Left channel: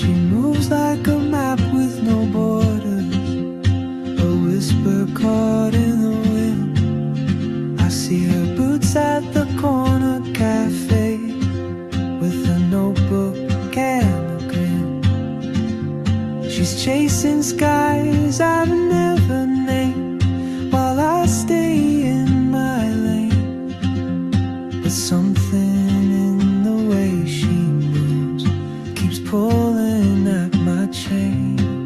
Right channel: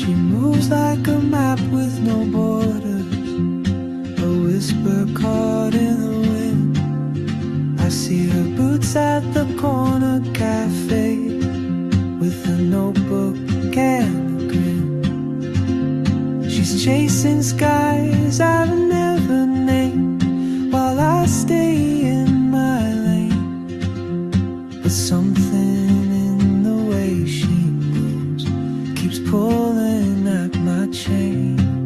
She moves like a map with no borders, a whisper caught in the wind. I see her boots at the corner cafe, with a notebook and a grin. She's chasing skies I've never named, while I stay in my lane. But something in the way she moves keeps pulling at my chain.